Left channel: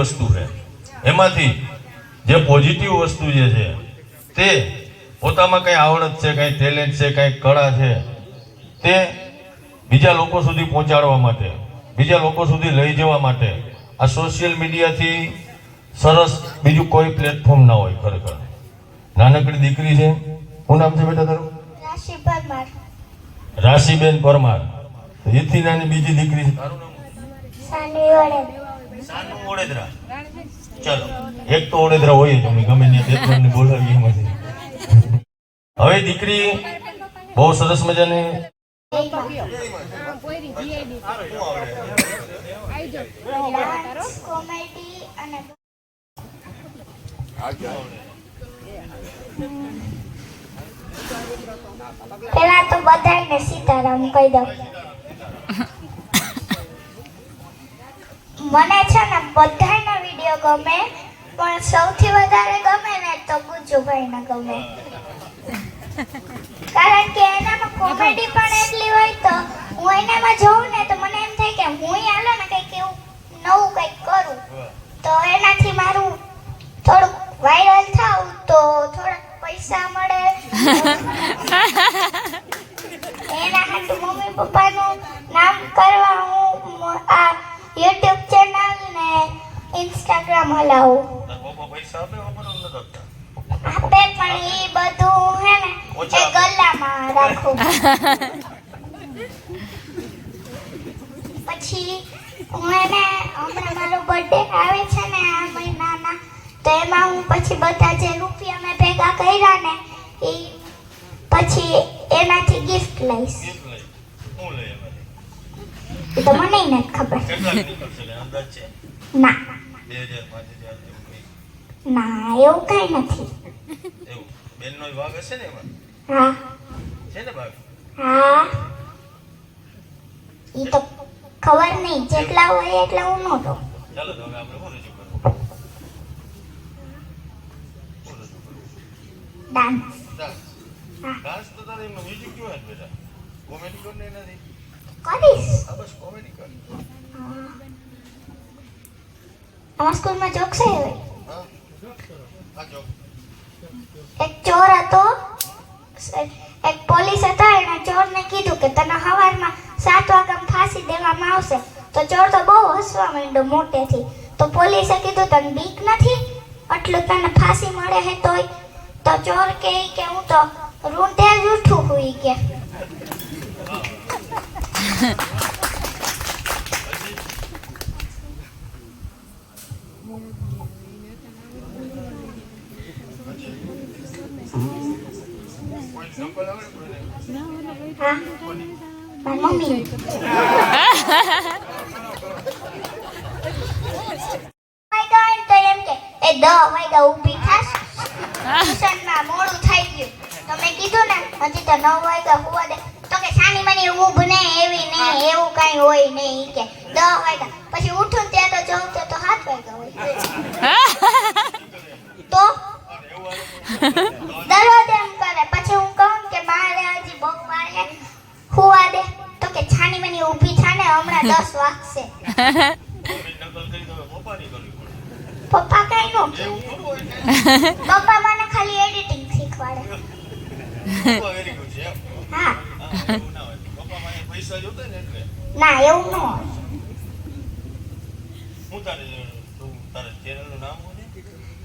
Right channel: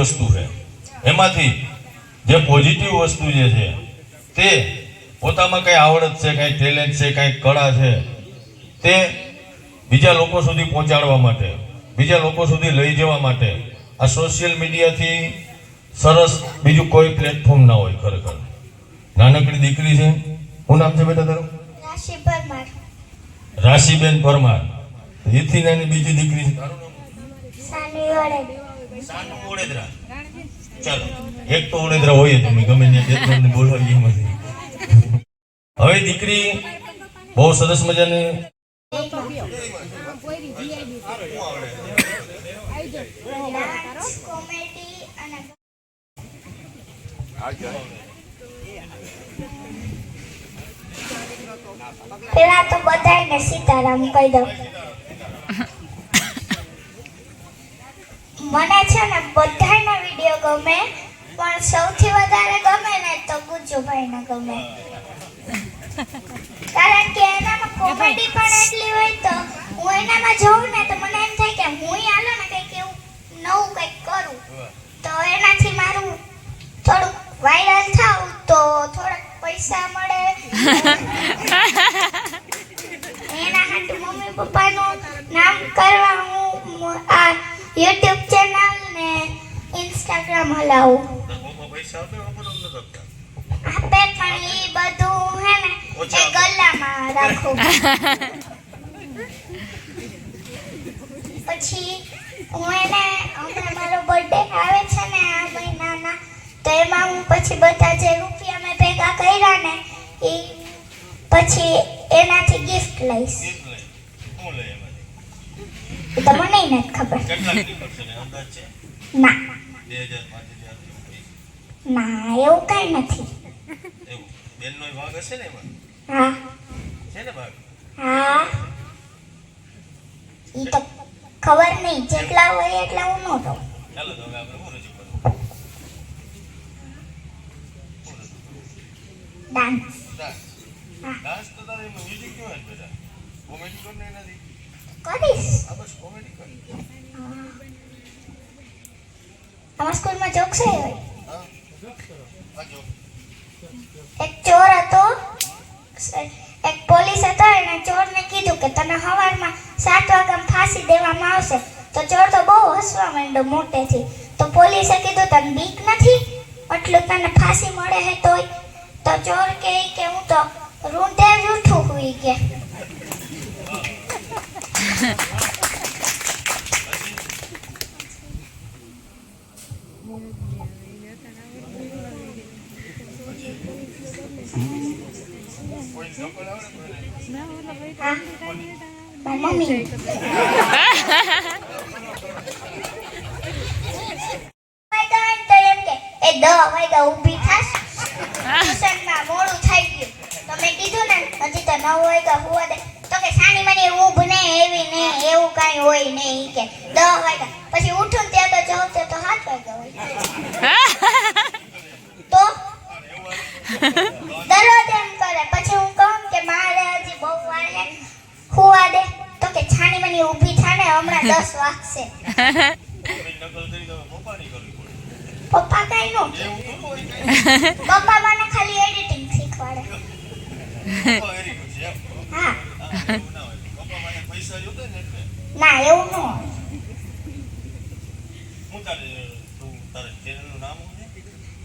વસ્તુ છે. એમાંથી જે પોઝિટિવ વસ્તુ જે છે તે પોતામાં કંઈ આવડત છે કંઈ ટેલેન્ટ છે કઈ કળા છે તે બીજા લોકો સુધી પહોંચાડવા માટે બીજા લોકો સુધી લઈ જવા માટે આ સોશિયલ મીડિયાથી સરસ બીજું કોઈ પ્લેટફોર્મ ના હોય ખરેખર. નાનકડી દીકરી છે. શું નામ છે બેટા તારું? રાશિબેન પરમાર. એથી નાની બીજી દીકરી છે. તારું નામ સાની વડે સાનું ઓડેદરા. ચાલો, એક તો ઓડેદરા હોય જ તમે ગમે ત્યાં એક જણને બોલાવીએ એમાંથી. હવે દીકરી બહુ સરસ મજાની ડાન્સ કોમેડી અને પેલા તો બધાને સીતારામ કહી દઉં મને છે ને બધાના વીડિયો ગમે પણ સૌથી વધારે ગમે ને તો ગુજ્જુભાઈના ગમે. કારણ કે એનામાં કોમેડી પણ એટલી હોય તો હું એનામાં જોઉં ને તો મને એમ થાય કે હું આલો ને કંઈક એવું નવું કંઈક કરું. તો એનાથી મારું થોડુંક વાયરલ થાઉં તો થોડાક પૈસા મળે. એના હાટુ મમ્મી પપ્પાનું નામ કરવા હું આ યુટ્યુબ ચેનલ ને ઇન્સ્ટાગ્રામ હલાવું. પૈસા આપે ખબર આપે પણ એ બધું હે ને એ ગલામાં રાખું. પછી હું એને હમણાં મારો બર્થડે આવે છે ને આ મહિનામાં તો એમાં હું પછી બધા જે રૂપિયા મેં ભેગા કર્યા ને એ પછી એનાથી ગિફ્ટ લઈશ ગીત લઈ શું લઈ એમાંથી એ તો મને નથી ખબર. ને. અંદાજ છે ના બે હજાર પાંચ હજાર વીસ. ના એવું કઈ નથી. બેનનો ભાગ હશે ને એમાં હા. છે ને ભાગ હા. એ તો ખબર નહીં જેટલા હોય એટલા હું નો દઉં. ચાલો તો આપણે શું રજૂ કરવું ડાન્સ ડાન્સ તો તારે મ્યુઝિક કેવું હોય બેટા કોમેડી કર ને એનાથી કરીશ? અમારા સ્કૂલમાં જોક્સ હોય હા આ જો એક ચોર હતો એક પોલીસ હતો એને ચોરને કીધું કે તને સવારમાં સાત વાગ્યામાં ફાંસી દેવામાં આવશે. તો ચોર તો બહુ હસવા માંડ્યો મોટેથી. તો પોલીસે કીધું તને બીક નથી? આટલું તને ફાંસી મળે હે તોય? તો ચોર કહે કે હું તો રૂંઢે જ ઉઠું હુઈ કે કોઈ નકલ આવે કોઈને હા મારી મમ્મી વાગ્યા હોય ને તો એમ કે એ દહ વાગ્યા ઊભી થાશ ટ્યુશનમાં મોડું થઈ ગયું તો મેં કીધું ને હજી તો નવ વાગ્યા હુવા દે તો કે સાની મને ઊભ ને એવી ને એવું કઈ હોય ને ઈ કે. દહ વાગ્યા પછી ઉઠું ત્યાં તો જોઉં ત્યાં તો સાત વાગ્યા હોય. તો? દરરોજ એમ કરે. પછી હું કહું કે મારે હજી બહુ વાર છે. હુવા દે. તો કે છાની મની ઊભી થાને હમણાં દસ વાગશે. પપ્પા કઈ નો પપ્પા મને ખાલી એડિટિંગ શીખવાડે પપ્પા વેરી ગુડ છે એમ હા હા, એવું ના ને ના એવું ન હું તારે તું તારે ચેનલનું નામ શું છે?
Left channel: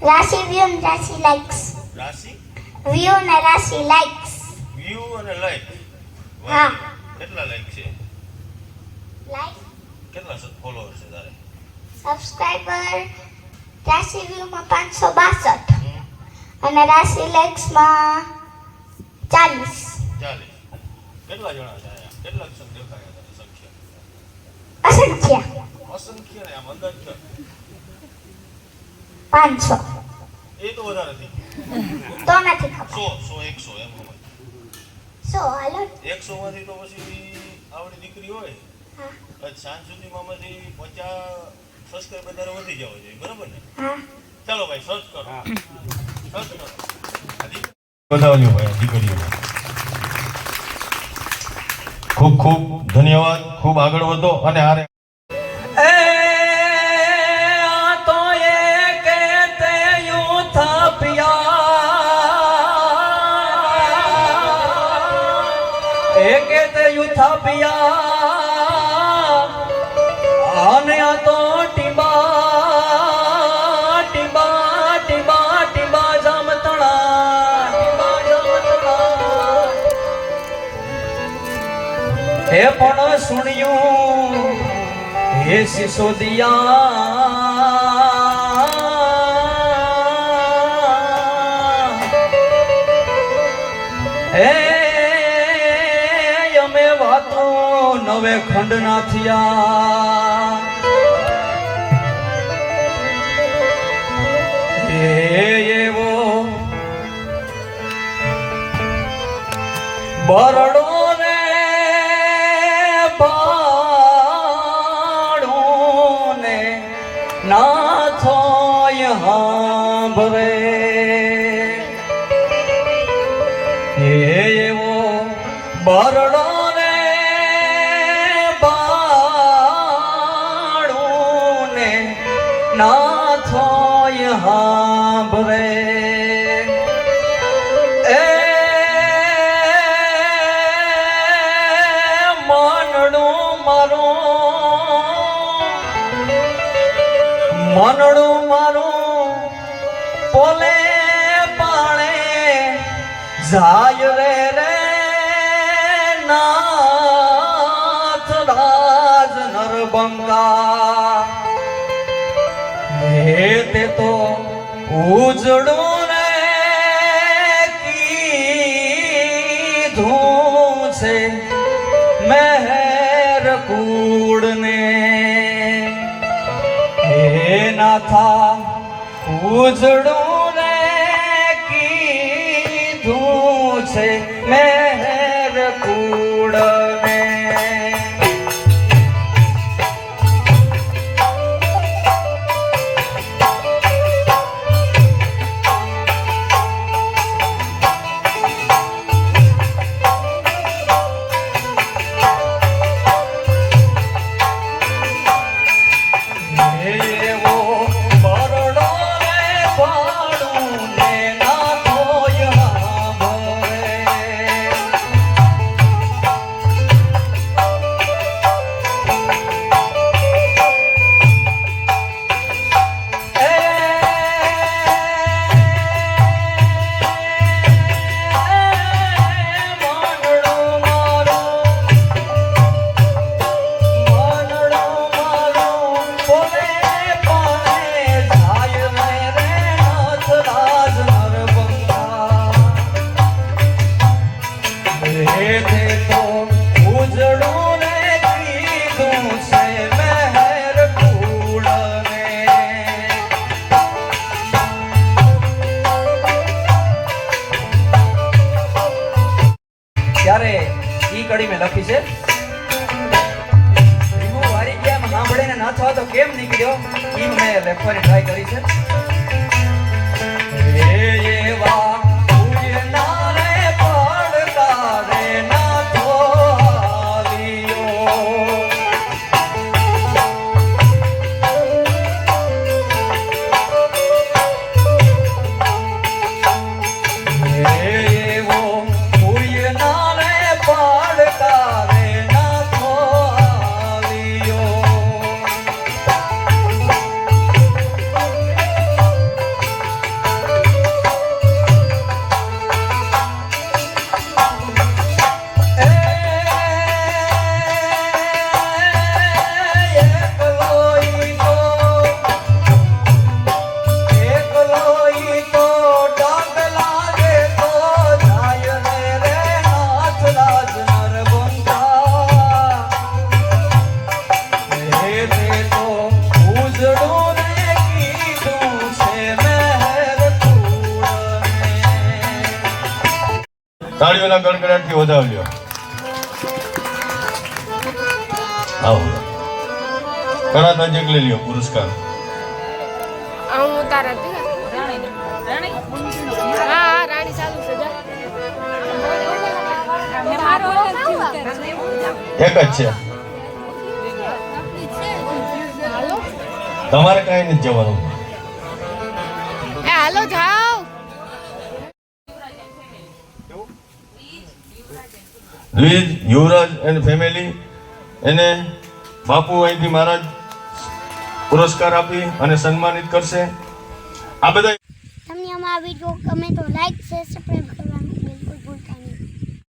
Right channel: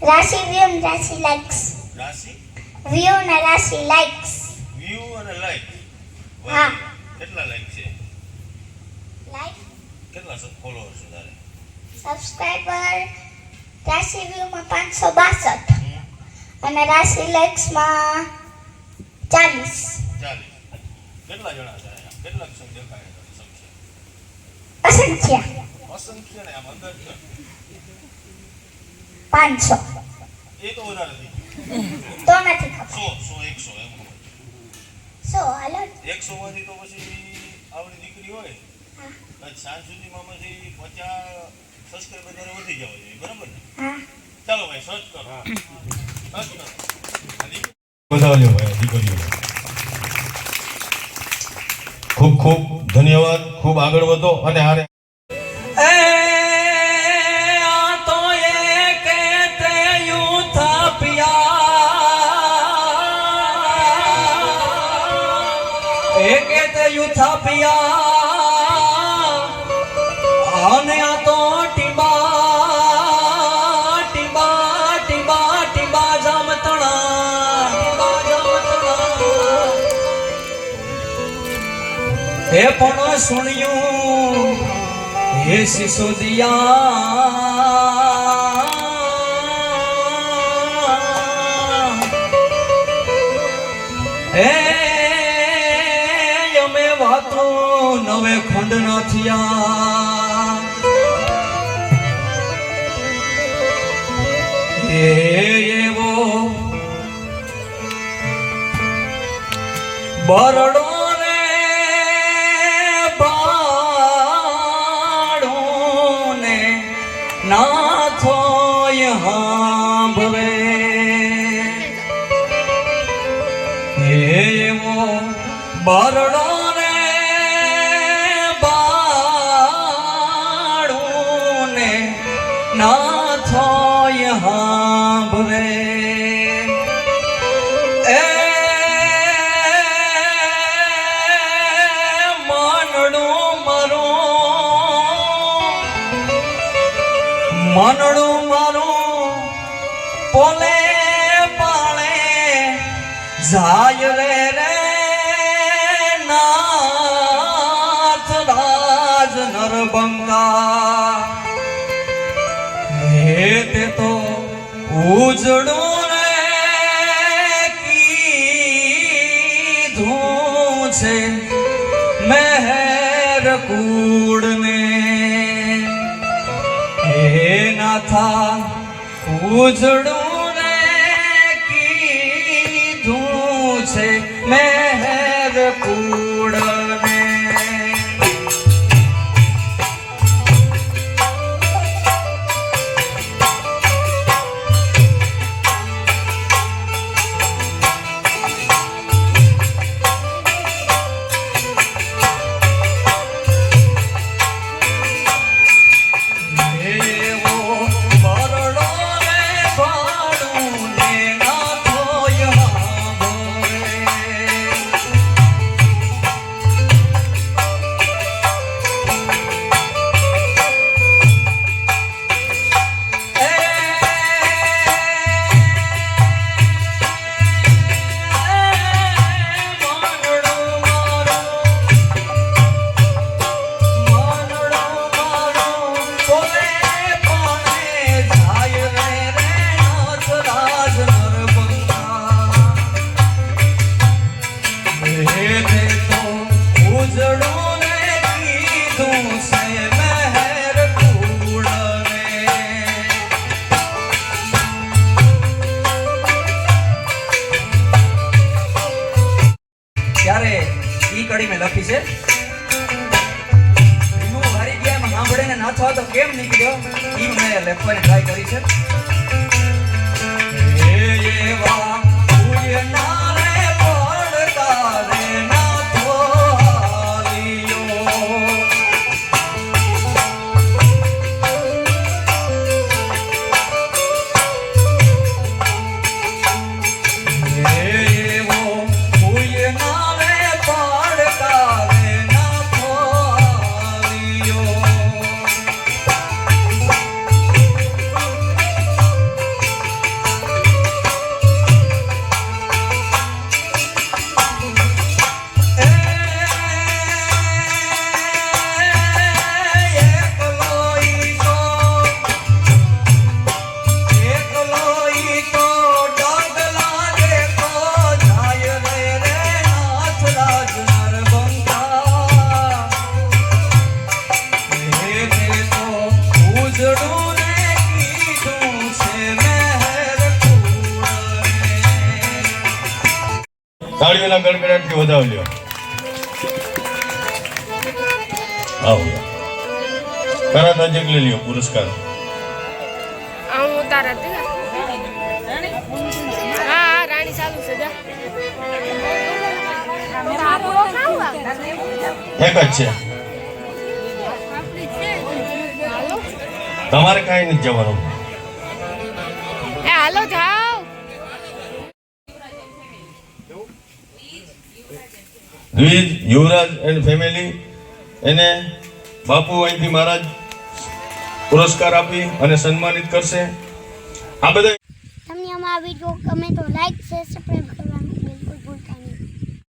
રાશિ વ્યૂ ને રાશિ લાઇક્સ રાશિ? વ્યૂ ને રાશિ લાઇક્સ વ્યૂ અને લાઈક હા. કેટલા લાઈક છે? લાઈક કેટલા ફોલોઅર છે તારે? સબસ્ક્રાઇબર રાશિ વ્યૂ માં પાંચસો બાસઠ. હમ, અને રાશિ લાઇક્સમાં ચાલીસ. ચાલીસ. કેટલા જણા છે અહીંયા? કેટલા દેખાય છે સંખ્યા? અસંખ્ય. અસંખ્ય ને આમ અંદાજ છે પાંચસો. એ તો વધારે થઈ તો નથી ખબર. સો સો એકસો એમ. સો હાલો. એકસો માંથી તો પછી આવડી દીકરી હોય. હા. સાંજ સુધીમાં માંથી પચાસ સબસ્ક્રાઈબર તારે વધી જવા જોઈએ બરાબર ને? હા. ચાલો ભાઈ સર્ચ કરો. સર્ચ કરો. વધાવ્યો ભાઈ દીકરીઓ. ખૂબ ખૂબ ધન્યવાદ. ખૂબ આગળ વધો અને આરે યુથાપિયા. હે પણ સુણ્યું હે સિસોદિયા. હે અમે વાતો નવે ખંડ ના થયા એવો બરડો મનડું મારું પોલે પાણે જાય રે રે નાથ રાજ નરબંગા. હે તે તો ઉજળું નાથા ઉજડું ને કીધું છે મેહર કુળને કડી મેં લખી છે? હું વારી ગયા સાંભળે નાથો તો કેમ નીકળ્યો? એ મેં લખવાની ટ્રાય કરી છે. તાળીઓના ગણગણાટથી વધાવ્યો આવો. તરત જ એક લઈ લ્યો પુરસ્કાર જા. એક જ છે. તમારે કઈ નથી જવાનું. હાલો જાઓ દ્વિજ યુવરાજ એન્ડ ફેમિલી એને બાપુ અહીંથી મહારાજ પુરસ્કાર આપી અને સન્માનિત કરશે. આ બધા તમને અમારા વીડિયો ગમે તો લાઈક શેર સબસ્ક્રાઈબ કરવાનું બિલકુલ ભૂલતા